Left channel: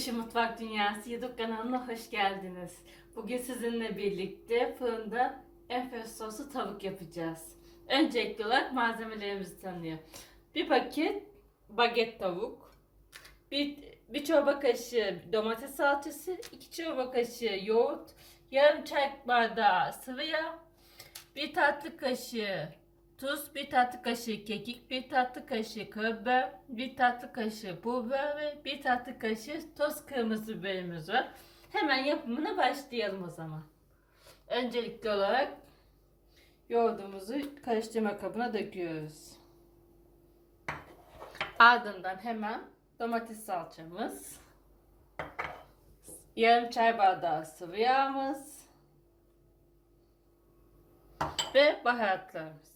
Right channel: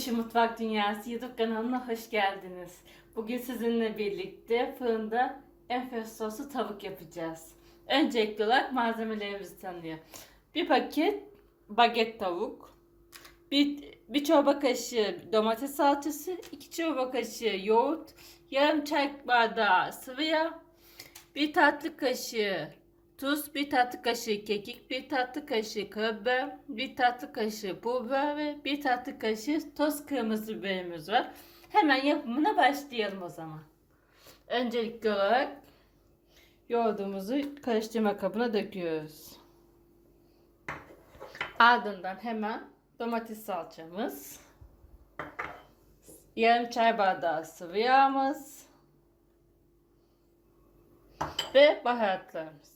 Gülüşü Mutfak Dünyası YouTube kanalına hoş geldiniz. Bugün sizinle birlikte fırında enfes soslu tavuk yapacağız. Öncelikli olarak malzemelerimizi tanıyor. Bir paket baget tavuk, bir, bir çorba kaşığı domates salçası, iki çorba kaşığı yoğurt, yarım çay bardağı sıvı yağ, bir tatlı kaşığı tuz, bir tatlı kaşığı kekik, bir tatlı kaşığı karabiber, bir tatlı kaşığı pul biber ve bir tatlı kaşığı toz kırmızı biberimiz var. Hemen yapımına başlayalım o zaman. Öncelikli olarak yoğurdumuzu karıştırma kabına döküyoruz. Ardından hemen domates salçamız, yarım çay bardağı sıvı yağımız ve baharatlarımız.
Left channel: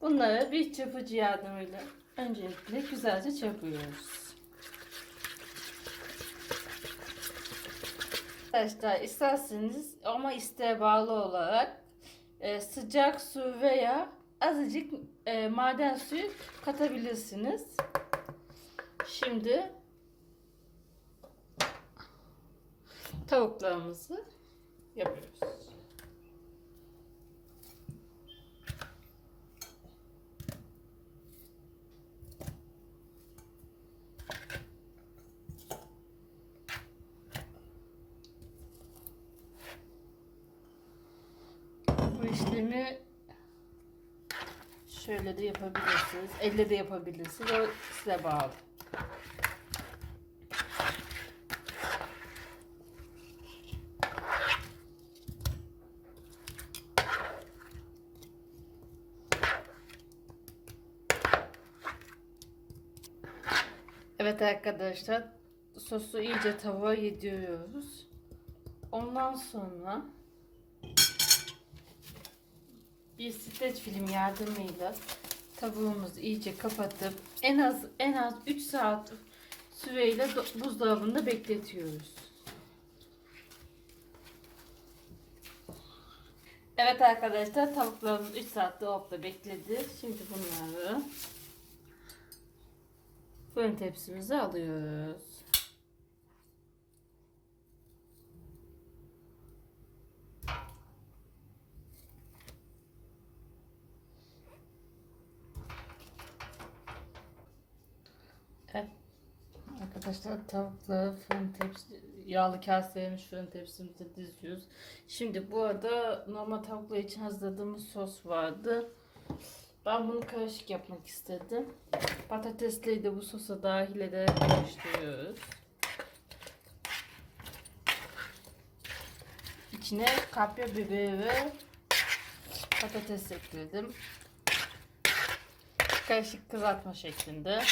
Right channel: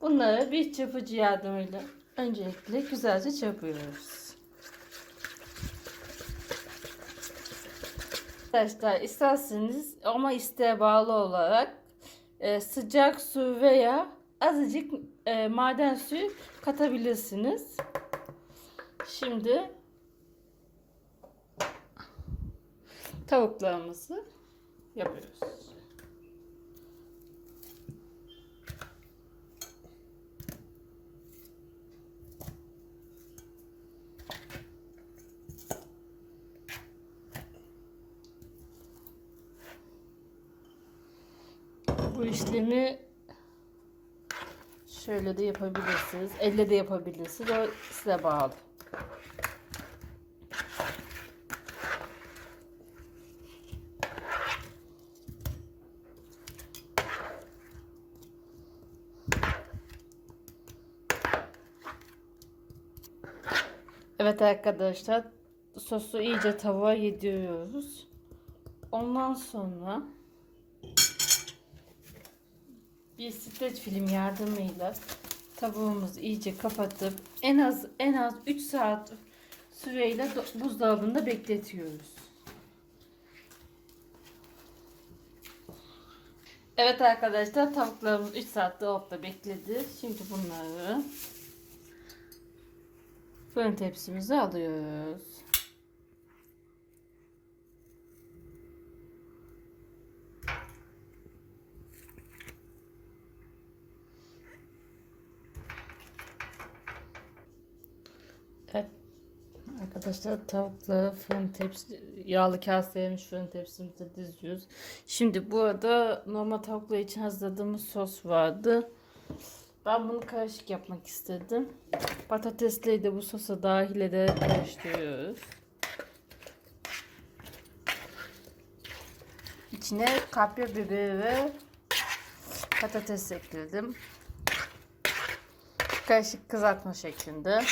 Bunları bir çırpıcı yardımıyla öncelikle güzelce çırpıyoruz. Arkadaşlar isterseniz ama isteğe bağlı olarak e, sıcak su veya azıcık e, maden suyu katabilirsiniz. Şimdi tavuklarımızı yapıyoruz. Bu işlemi şöyle de yapabilirsiniz. Elle de yapabilirsiniz. O size bağlı. Evet arkadaşlar sosu iyice tavuğa yediriyoruz. Ondan sonra bir streç film yardımıyla tavuğumuzu iyice kapatıp en az en az 3 saat süreyle do- buzdolabında bekletiyoruz. Evet arkadaşlar tavuklarımız 3 saat dolapta bekledi. Şimdi bunları fırın tepsimize alıyoruz. Evet. Arkadaşlar tavukları fırın tepsi yağlı kaselemiş fırın tepsimize diziyoruz. Şimdi burada normal tavuklar için hazırladığımız sos vardı. Ben bunu karışık yapmak istedim. Patatesleri de bu sosa dahil ederek karıştırıyoruz. İçine kapya biberi ve patates ekledim. Karışık kızartma şeklinde.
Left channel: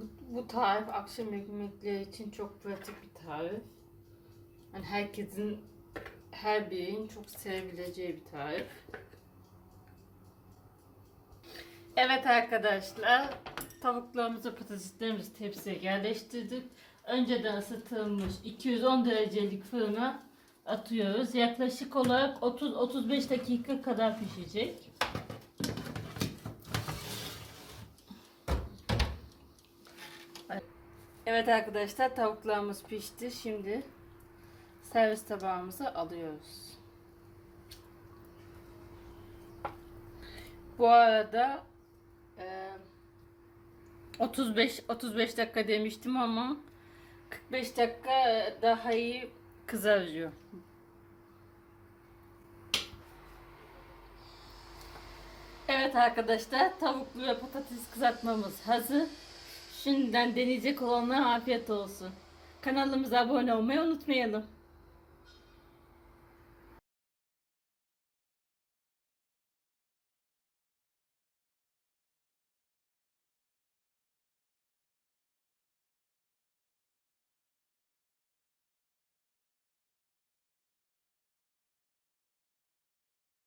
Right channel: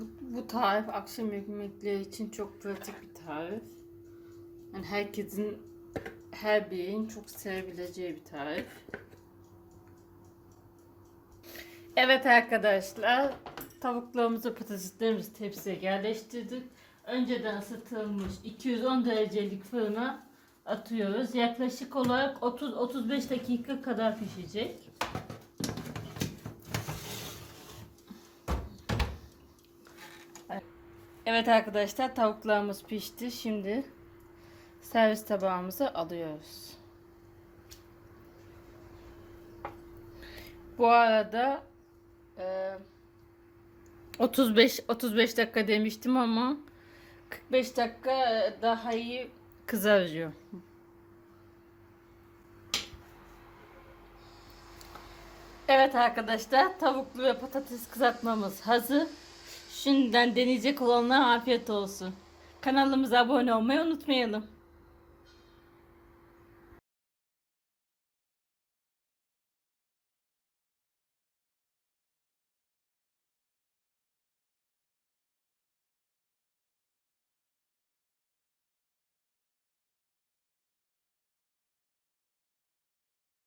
Bu, bu tarif akşam yemekleri için çok pratik bir tarif. Yani herkesin her birinin çok sevebileceği bir tarif. Evet arkadaşlar, tavuklarımızı, patateslerimizi tepsiye yerleştirdik. Önceden ısıtılmış 210 derecelik fırına atıyoruz. Yaklaşık olarak 30-35 dakika kadar pişecek. Evet arkadaşlar tavuklarımız pişti. Şimdi servis tabağımıza alıyoruz. Bu arada e, 35 35 dakika demiştim ama 45 dakika daha iyi kızarıyor. Evet arkadaşlar tavuklu ve patates kızartmamız hazır. Şimdiden deneyecek olanlara afiyet olsun. Kanalımıza abone olmayı unutmayalım.